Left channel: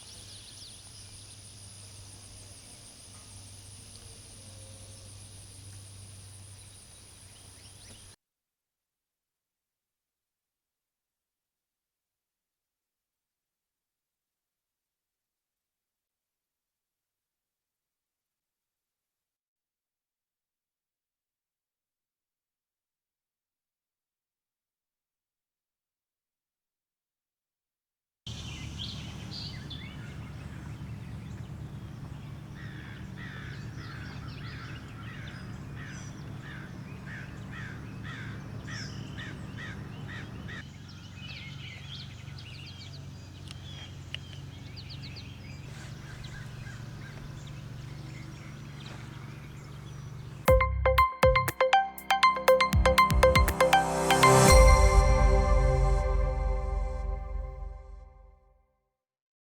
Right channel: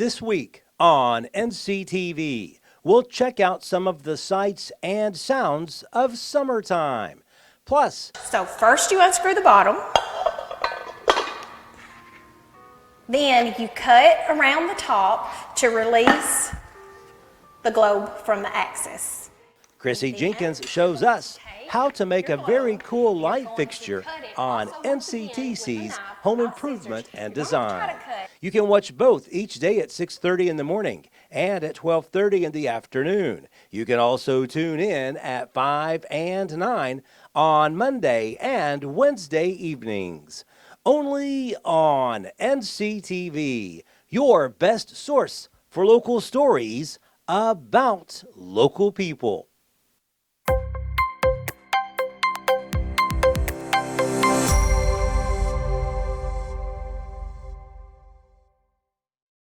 This week on NCTV, we'll check out some of the sights and sounds of summertime. Plus, So first you unscrew the bottom, then you cut around the top to release the globe from the axis. Chrissy Jenkins shows us how to make a very cool light fixture on NCTC's Home Improvement and Design. You can watch both each day at 6:30 in the morning and at 12:30 in the afternoon. You can also tune in at 5 and 9 on Monday and Wednesday evenings. Only on NCTV, your best source for local stories about local people.